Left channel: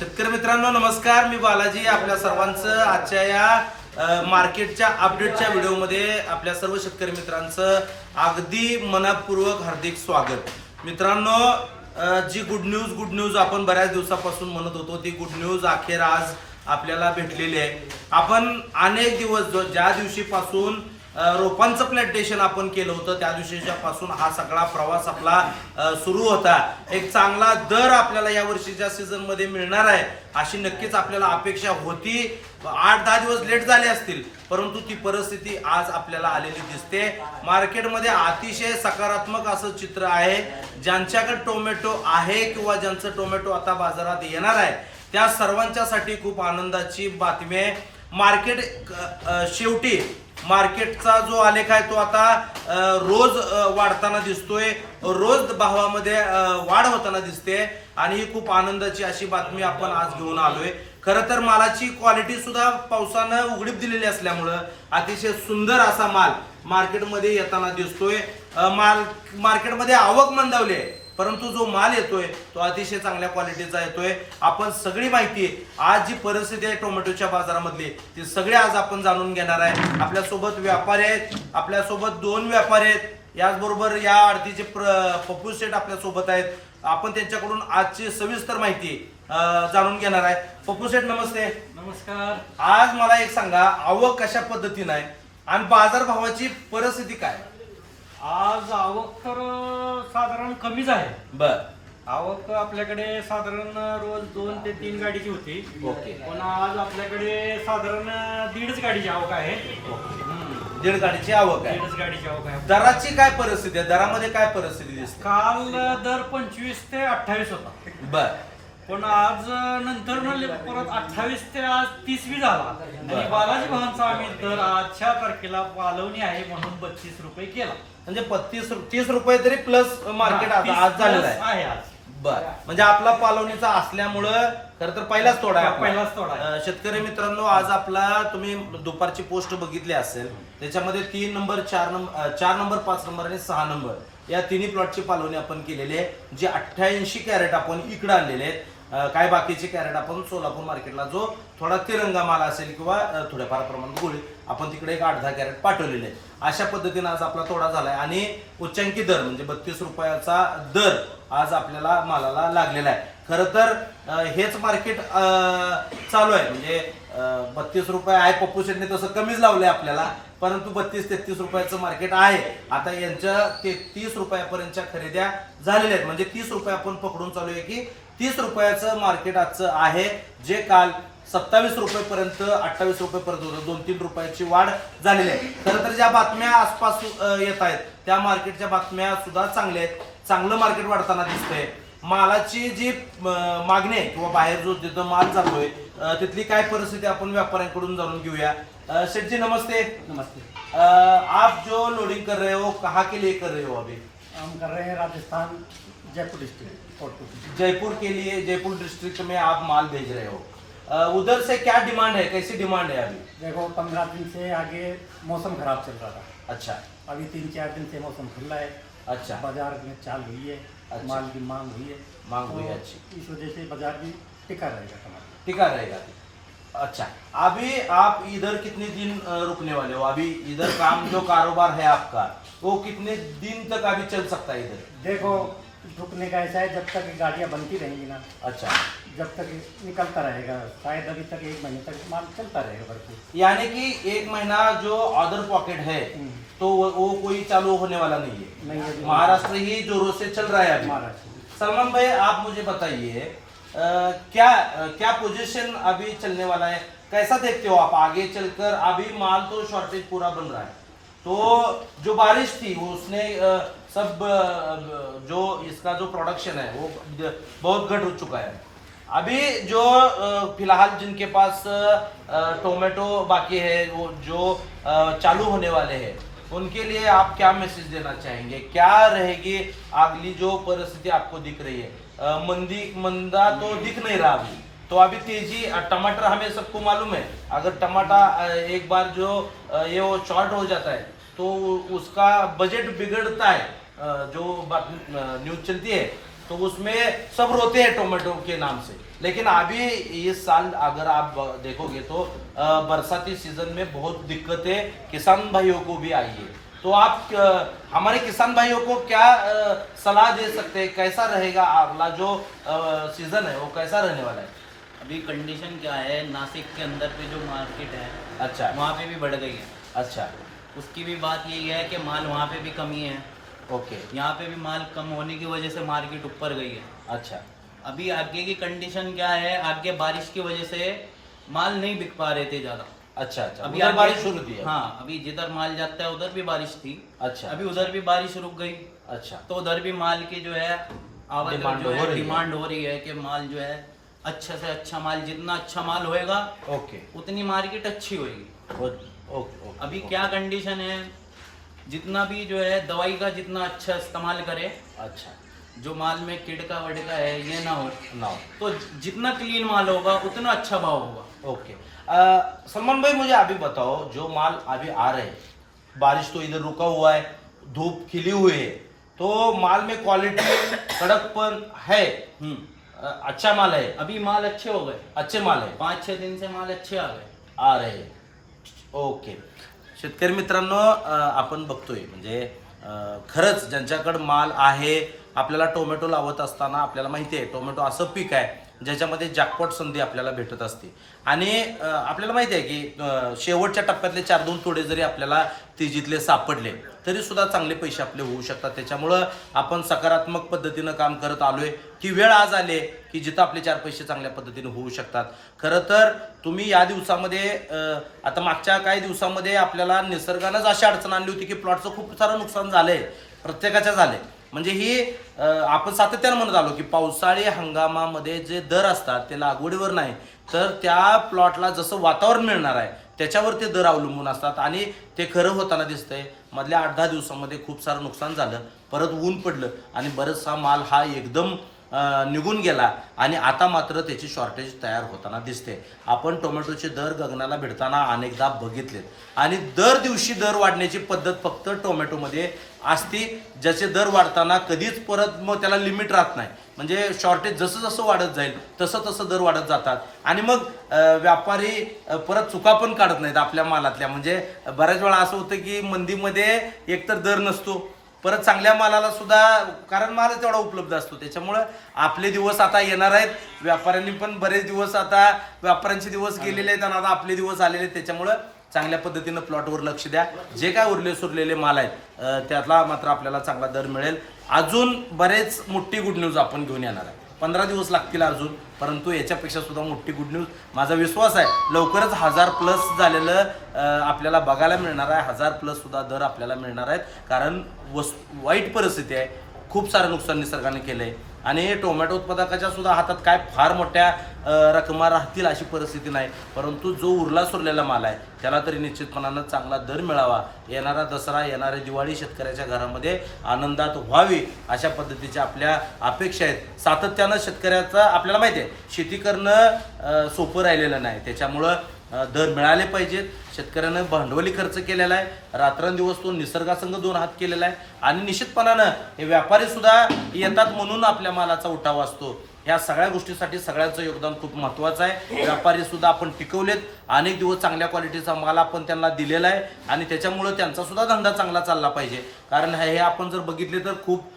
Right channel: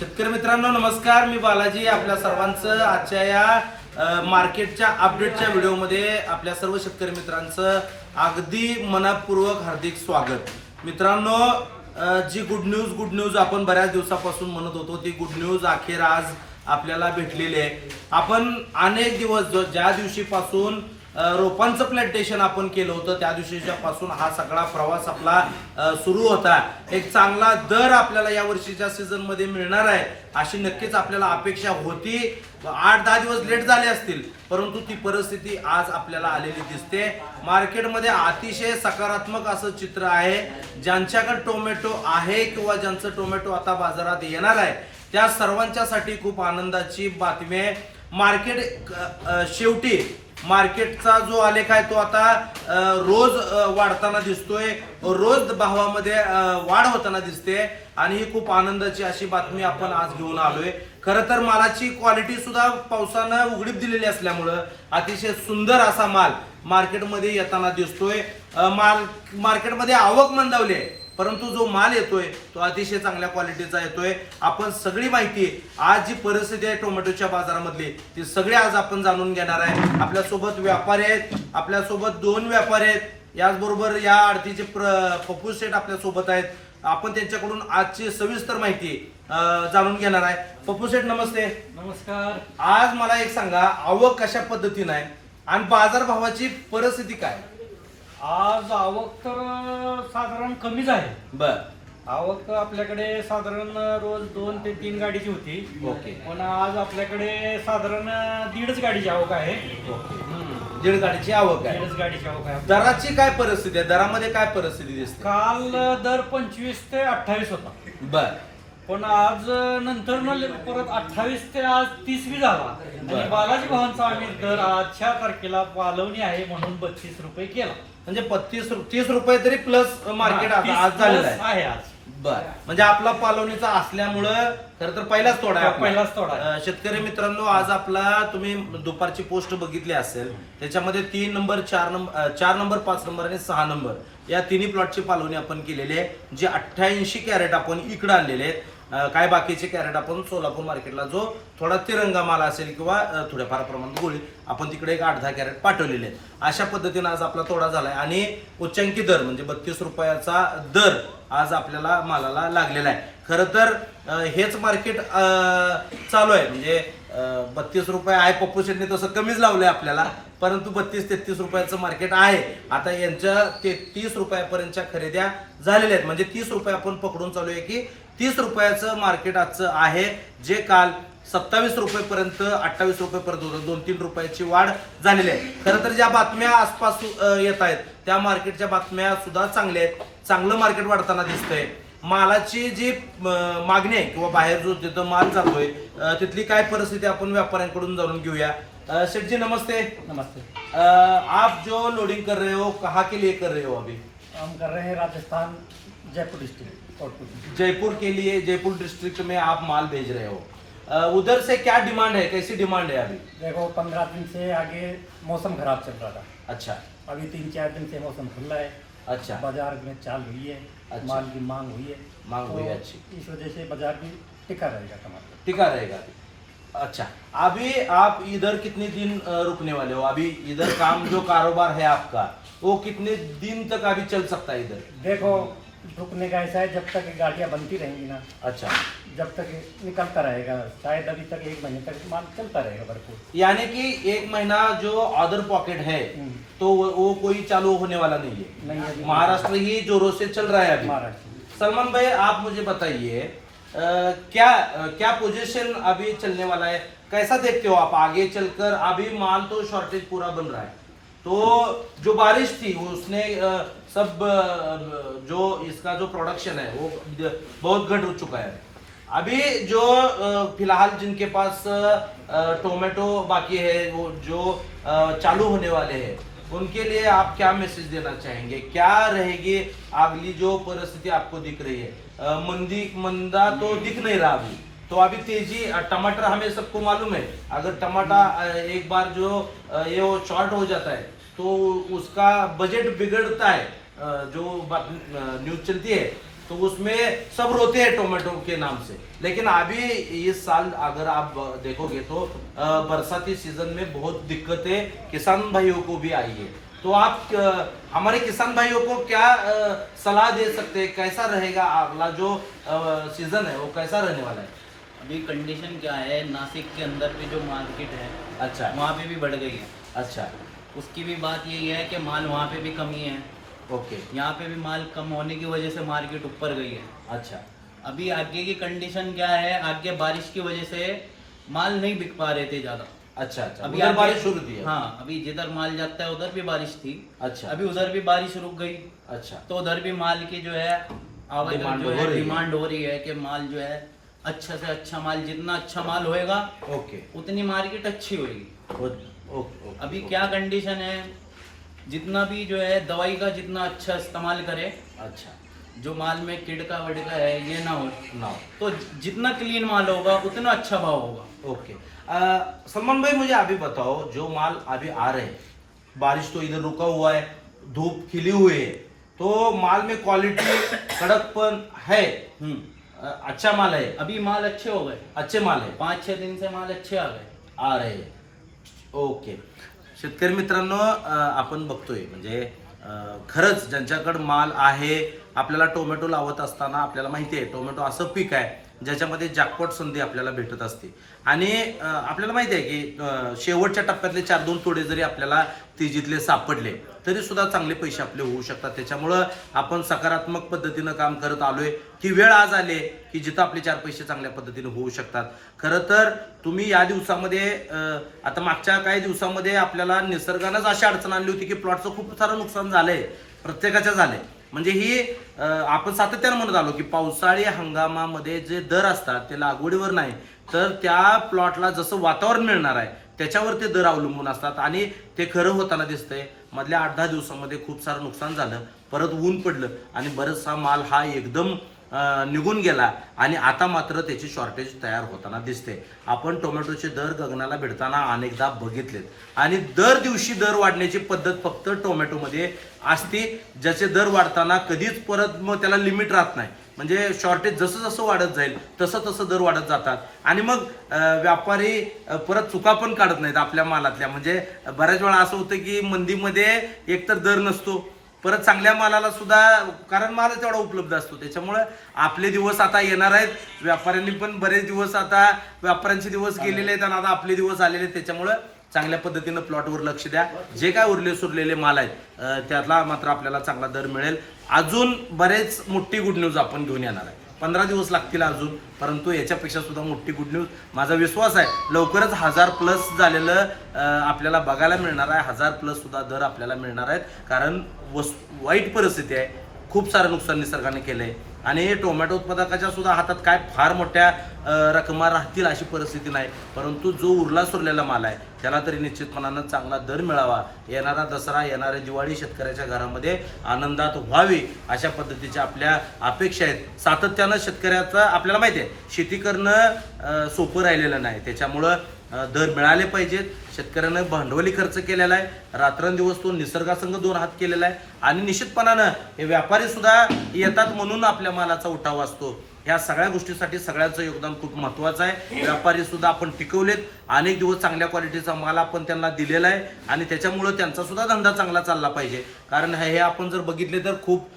शेतकरी मित्रांनो नमस्कार. मी बालाजी आपल्या सर्वांचं आजच्या या मार्केटच्या अपडेटच्या व्हिडिओमध्ये आपल्या सर्व शेतकरी मित्रांचं अगदी मनापूर्वक हार्दिक स्वागत. मित्रांनो जी गुड न्यूज गुड न्यूज आपण बऱ्याच दिवसापासून म्हणत होतो ती गुड न्यूज अखेर आज आपल्याला भेटलेली आहे. आपण अनेक दिवस ज्या दिवशीपासून रोपांचं प्लॅन्टेशन आपण केलं होतं. त्या दिवशीच्या पासून हा सगळा प्रवास आपला सुरू होता. एक चांगला दर आपल्याला या वर्षीच्या सीझनमध्ये मिळणार आहे अशी नक्कीच आपल्याला अपेक्षा होती. आठ दहा दिवस लेट झाले असतील परंतु ती परिस्थिती आज आपल्याला आलेली दिसते. मार्केटमध्ये अतिशय सकारात्मक असं चित्र आहे. ज्यांच्याकडे टोमॅटो आहे किंवा ज्यांचं टोमॅटो आता बाजारात येणार आहे त्या सर्वांच्यासाठी खूप आनंदाची बातमी आहे. मार्केट शेवटी मार्केटचा जो आलेख आहे तो आता रोज वाढताना दिसतोय. रोज भावामध्ये वाढ होताना दिसते आणि ही खूप आनंदाची अशी बातमी आपण आज घेऊन आलोय. खरं तर मालाची क्वालिटी सुद्धा पावसानं उघडीप दिलेली असल्यामुळं अतिशय सुंदर असा माल मार्केटमध्ये येताना दिसतोय. माल मार्केटमध्ये आवक मंदावली आहे. परंतु जो माल येतोय तो अतिशय चांगल्या क्वालिटीचा येतोय. आपण सगळी माहिती आज जी परिस्थिती आहे टोमॅटोच्या बाजारामधली ती सगळी आज आपण जाणून घेणार आहे. आपल्यासोबत व्यापारी आहेत आपल्यासोबत दोन व्यापारी आहेत. याचबरोबर या आरतीचे प्र पप्पू शेठ आपल्यासोबत आहेत. आपण त्यांच्याकडून आजची सविस्तर माहिती जाणून घेणार आहे. पप्पू शेठ नमस्ते. नमस्कार. आज मला एक सांगा आवक कशा पद्धतीनं आहे? आणि बाजारभावाची परिस्थिती काय? आज आवक तर साधारण कमीच आहे. बर. आवक आपल्याकडे साधारण रोज दोन ते तीन गाडीची होती. ओके. पण आज आपल्याकडे साधारण दीडच गाडीची आवक आहे. ओके. दीड गाडीची आवक आहे. दीडच गाडीची आवक आहे दराची काय परिस्थिती आहे? दरामध्ये काय परिस्थिती दिसते? काल दर पंचवीस ते अठ्ठावीस होता. बर. पण आज नंतर न ले- परत अठ्ठावीस ते आज तीसवी झाला. आणि बालाजी भावांचा आम्ही दर आजच्या तारखेला पालवणी आहे म्हणून बत्तीस रुपये केला म्हणजे पस्तीस तीस रुपये तरी प्लस मार्केट आता 30 आज झालेलं आहे आहे आज बर म्हणजे आपला पालवणीचा असल्यामुळं खर तर पहिलाच तोडा आहे आपला. पहिलाच तोडा आहे. अं, शेतकरी मित्रांनो आज आपला तुम्ही दुपारची पोस्ट बघितली असेल त्याच्यामध्ये तीन नंबर चार नंबर चार नंबर पाच नंबर आणि सहा नंबर या तिन्ही प्लॉटची पालवणी आपण केलेली आहे जे अठ्ठ्याऐंशी कॅरेट आपण इकडे आणलेले आहेत काय बाकीचे कॅरेट आपण सोलापूर मार्केटला जो थोडा तिरंगा माल असेल किंवा थोड्याफार प्रमाणात गोळी आपण तिकडे एक आठ दहा कॅरेट पाठवलेले आहेत. अशा पद्धतीने आज आपला तोडा झालाय आणि उच्चांकी दर म्हणजे बत्तीस रुपयाचा दर आज आपल्याला मालाला लागलेला आहे. खरं तर हेच मार्केट चालू आहे. म्हणजे बत्तीस रुपये आहे पप्पू शेटने तसं कमीच लावलंय आपल्याला परंतु बत्तीस तेहतीस रुपयाचं मार्केट आहे. आता यांच्या तेहतीस रुपयापर्यंतच्या खरेद्या झालेल्या आहेत. म्हणजे तीस रुपये आपण पकडून चालू आहे की तीस रुपयाचं मार्केट आजचं आहे जे काल सत्तावीस रुपयेपर्यंत अठ्ठावीस रुपयेपर्यंत होतं. दोन तीन रुपयाची वाढ झालेली आहे. खरं तर ज्या बातम्या आसपास येत आहेत त्या मार्केटच्या बातम्या सुद्धा चांगल्या आहेत. चांगलं मार्केट वाढताना दिसतंय. मालाची जी मागणी आहे किंवा बाहेर जो तिथं माल जातोय तिथली काय परिस्थिती आपण व्यापाऱ्यांकडून जाणून घेऊया. अ, शेठ जी नमस्ते. नमस्ते आप जो लोडिंग कर रहे हो कहाँ के लिए कर रहे हो अभी? हम कर रहे हैं राजस्थान जयपुर डिस्ट्रिक्ट और जयपुर के लिए जयपुर डिस्ट्रिक्ट में आप माल भेज रहे हो। उधर से क्या डिमांड है? कैसी डिमांड है अभी? देखो पंद्रह दिन से आगे मौसम खराब चल रहा था। अच्छा। अभी तीन चार दिन से मौसम खुला है। अच्छा। बाज़ार में चाल हुई है। अच्छा। माल की मांग हुई है। मांग हुई है तो अच्छी। इस वजह से बाज़ार भी टिका रहेगा टमाटर। टिका रहेगा। अच्छा अभी आप इधर कितने दिन रुकने वाले हो? अभी इधर काम जो कारोबार है आपका वो कितने दिन तक अभी चल सकता है इधर? देखो रुकने का ऐसा है जब तक गाड़ियाँ बनती रहेंगी ना अच्छा। जब तक निकलता रहेगा शायद अभी तक एक महीने तक माल चलता रहेगा भरपूर यानी कि एक महीना जो अदर पॉकेट है हम्म। तो वो, वो कोई चालू होने वाला नहीं है। नहीं महाराष्ट्र ही जोरों से चल रहा है अभी। महाराष्ट्र। सलमान भाई आप मुझे बताइए क्या क्या पोजीशन अभी चलने वाला है? कैसा देखते हो आप आगे चलकर? अभी माल तो शॉर्टेज पूरा बन रहा है। तो जो बारिश थी, उसने सब जो इसका जो प्रोडक्शन है, वो बहुत घट हो चुका है। अभी जो फ़िलहाल जिनके पास टोमेटो बाकी है, वो जो चालू होने वाले हैं उनके लिए आप क्या मैसेज देना चाहेंगे? क्या रहेगी अगली जो परिस्थिति आपको दिख रही है? मंदी, मंदा तो दिख नहीं रहा अभी। तो अभी तेज़ी टमाटर हमें सबको मालूम है। अगर टमाटर एक बार जो ये वो शॉर्ट हो जाता है तो उसका बजट बिगड़ता है। जो न्यूज़ चलती है तो उसमें सब रोते हैं टोमेटो के नाम से। लेकिन अभी इस साल अगर आप देखोगे तो बरसाती सीज़न में बहुत दिक्कतें किसान भाइयों को भी आई है। तो आप हमारे किसान भाइयों को क्या सलाह दे सकते हैं? कैसा रहेगा अगला जो सीज़न है वो कैसा रहने वाला है? अभी कंडीशन क्या है? नासिक के अंदर की जो मार्केट है अच्छा। वहाँ पे भी बढ़ गई है। अच्छा। उसकी भी बात यही है कि माल वहाँ पे भी कमी है। ओके। यहाँ पे भी माल कम होने की वजह से मार्केट ऊपर गई है। अच्छा। अभी आगे की कंडीशन क्या है? आगे बारिश की वजह से माल नहीं बिक पा रहे थे ज़्यादा। अच्छा अच्छा। अभी उधर बारिश शुरू थी हाँ। अभी जिधर माल जाता है उधर भी बारिश थी। अच्छा। अभी उधर भी बारिश रुक गई। अच्छा। तो उधर भी माल की जो है आवाज़ डिमांड जो हो रही है। डिमांड हो रही है कि माल जो है अच्छा से अच्छा माल जितना अच्छा माल होएगा ओके। उतनी मार्केट अच्छी होगी ओके ओके अभी क्या कंडीशन है? जितना भी जो है दवाई का जितना अच्छा इस्तेमाल करे अच्छा। जो माल में किड़का वड़का है ये ना हो ना तो जितना क्लीन माल होगा उतना अच्छा भाव होगा। ओके। सलमान भाई मुझे अभी बताओ जो माल अभी आ रहे हैं बारिश तो इधर रुका हुआ है धूप खिली हुई है तो माल में क्वालिटी कड़कपन है? हम्म। अच्छा माल है? अभी माल अच्छे हो गए। अच्छे माल है? पाँच छह दिन से माल अच्छे आ गए। आ रहे हैं. ओके। शेतकरी मित्रांनो आपण बघतोय म्हणजे खरंच ज्यांच्याकडं माल आहे आपल्याला टोमॅटो लावत असताना आपल्याला माहिती आहे टोमॅटो असं पीक आहे ज्याच्यामध्ये जॅकपॉट संधी आपल्याला भेटत असते. आणि आपल्याला माहिती आहे की शेवटच्या टप्प्यातले चार दोन तोडे जरी आपल्याला तिजीतले सापडले तरी सुद्धा चांगले पैसे आपले होऊ शकतात. त्याच्यामुळं आपण सकारात्मक पद्धतीनं काम करत आलोय. की वेळ आज आले की जिथं आपले चार पैसे चांगल्या पद्धतीने होऊ शकतात. खरं तर तुम्ही या दिवसामध्ये आता मागच्या काही दिवसामध्ये आपल्याला निसर्गानंच अशी अडचण आणली होती की प्लॉटचं खूप सारं नुकसान झालंय. प्रत्येकाच्या झालंय. म्हणजे ही आपण सातत्यानं म्हणत आलो की पावसाळी हंगामामध्ये जे दर असतात ते लागवडीवर नाही तर त्या प्लॉटला जसं वातावरण मिळणार आहे त्याच्यावर ते दर अवलंबून असतात आणि ते खरं होताना दिसतंय. मधल्या आठ दहा दिवसामध्ये खूप सारं नुकसान झालं परत ऊन पडलं आणि बरचसा माल हा एकदम निघून गेला आणि आता मात्र त्याची शॉर्टेज तयार होताना दिसते. आपण टोमॅटोचे दर गगनाला भिडताना अनेकदा बघितलेत. आणि दर दिवशी दर वाढण्याची पद्धत फक्त टोमॅटोमध्ये असती ज्याचे दर वाढताना कधीच परत मग त्याला लिमिट राहत नाही. म्हणजे शॉर्टेज जसं जसं वाढत जाईल तसं तसं दर वाढत जातात. आणि मग व्यापारी परत चुका पण काढत नाहीत आपल्या मालातल्या. म्हणजे बऱ्याच वेळा असं होतं की मंदीमध्ये एकतर दर नसतो परत चांगल्या मालाला सुद्धा कारण मालच तेवढा उपलब्ध असतो. त्याच्यामुळं आपले दिवस आता येणार आहेत. व्यापाऱ्यांनी पण बरेच दिवस आता व्यापाऱ्यांचे दिवस गेलेले आहेत आणि आता आपले दिवस आलेले आहेत. त्याच्यामुळं चांगल्या पद्धतीनं प्लॉटवर लक्ष द्या. जे काय उरले सुरलेले माल आहेत त्यातला मात्र आपल्याला चांगला दर मिळेल. अजून बरेच मोठी गुड न्यूज आपण घेऊन येणार आहे. पंधरा दिवस लागतील अजून परंतु याच्यापेक्षा सुद्धा मोठी गुड न्यूज माझा विश्वास आहे लवकरच हजार प्लस झालेलं आपल्याला बघायला मिळणार आहे. हजार प्लस सुद्धा दर आपल्याला मिळणार आहेत. कारण वस वाईट परिस्थिती आहे. खूप सारं नुकसान निसर्गाने केलं आहे आणि टोमॅटो उत्पादकाच्या सुद्धा हातात काय फार मोठ्या रकमा राहतील अशी परिस्थिती नाही. परंतु जो उरला सुरलेला माल आहे त्याला तरी निश्चितपणानं चांगला दर मिळावा. येणारा दसरा येणारी दिवाळी शेतकऱ्याच्या घरामध्ये आनंदात व्हावी अशा पद्धतीच्या आपल्या अपेक्षा आहेत. सातत्यानं शेतकऱ्याचं आपल्याला माहिती आहे शेती करणं सोपं राहिलेलं नाही. त्याच्यामुळं दर मिळाले पाहिजेत. शेतकऱ्यानं भांडवली खर्च केलेला आहे. रात्रंदिवस तो निसर्गासंग दोन हात केलेला आहे. आणि निश्चितपणानं हे व्यापारी सुद्धा येतात म्हणून आपल्या मालाचा उठाव असतो. या सगळ्या गोष्टीसाठी सगळ्यांचं योगदान खूप महत्वाचं आहे. व्यापारी सुद्धा आपण टिकवलेत. अनेक दिवस चांगल्या क्वालिटीचा माल आपण त्यांना दिलेला आहे. आणि त्याच्यामुळं त्यांचा सुद्धा धंदा चांगला चालला पाहिजे. कारण हे आपण जर बघितले तर खूप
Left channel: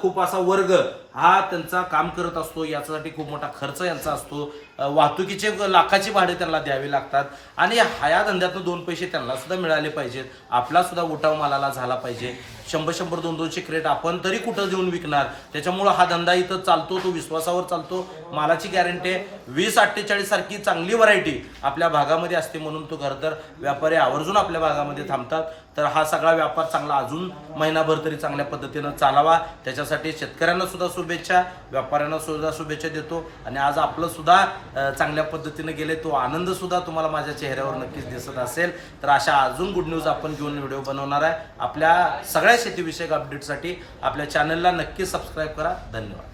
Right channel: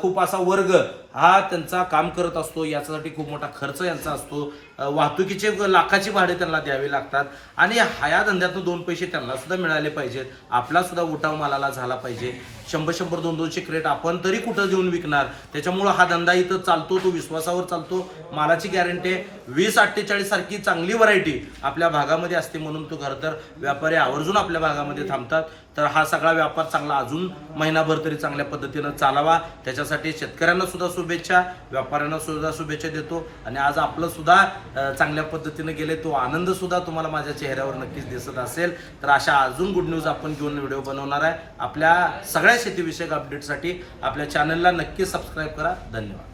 खूप असा वर्ग हा त्यांचा काम करत असतो. याच्यासाठी खूप मोठा खर्च यांचा असतो. वाहतुकीचे लाखाची भाडे त्यांना द्यावी लागतात. आणि ह्या धंद्यातून दोन पैसे त्यांना सुद्धा मिळाले पाहिजेत. आपला सुद्धा उठाव मालाला झाला पाहिजे. शंभर शंभर दोन दोनशे क्रेट आपण तरी कुठं देऊन विकणार? त्याच्यामुळं हा धंदा इथं चालतो तो विश्वासावर चालतो. मालाची गॅरंटी आहे वीस अठ्ठेचाळीस सारखी चांगली व्हरायटी आपल्या भागामध्ये असते म्हणून तो खरं तर व्यापारी आवर्जून आपल्या भागामध्ये थांबतात. तर हा सगळा व्यापार चांगला अजून महिनाभर तरी चांगल्या पद्धतीनं चालावा. त्याच्यासाठी शेतकऱ्यांना सुद्धा शुभेच्छा व्यापाऱ्यांना सुद्धा शुभेच्छा देतो. आणि आज आपलं सुद्धा चांगल्या पद्धतीनं गेले तो आनंद सुद्धा तुम्हाला माझ्या चेहऱ्यावर नक्कीच दिसत असेल. तर अशा अजून गुड न्यूज आपण घेऊन व्हिडिओ बनवणार आहे. आपल्या सगळ्या शेतीविषयक अपडेटसाठी आपल्या चॅनलला नक्की सबस्क्राईब करा. धन्यवाद.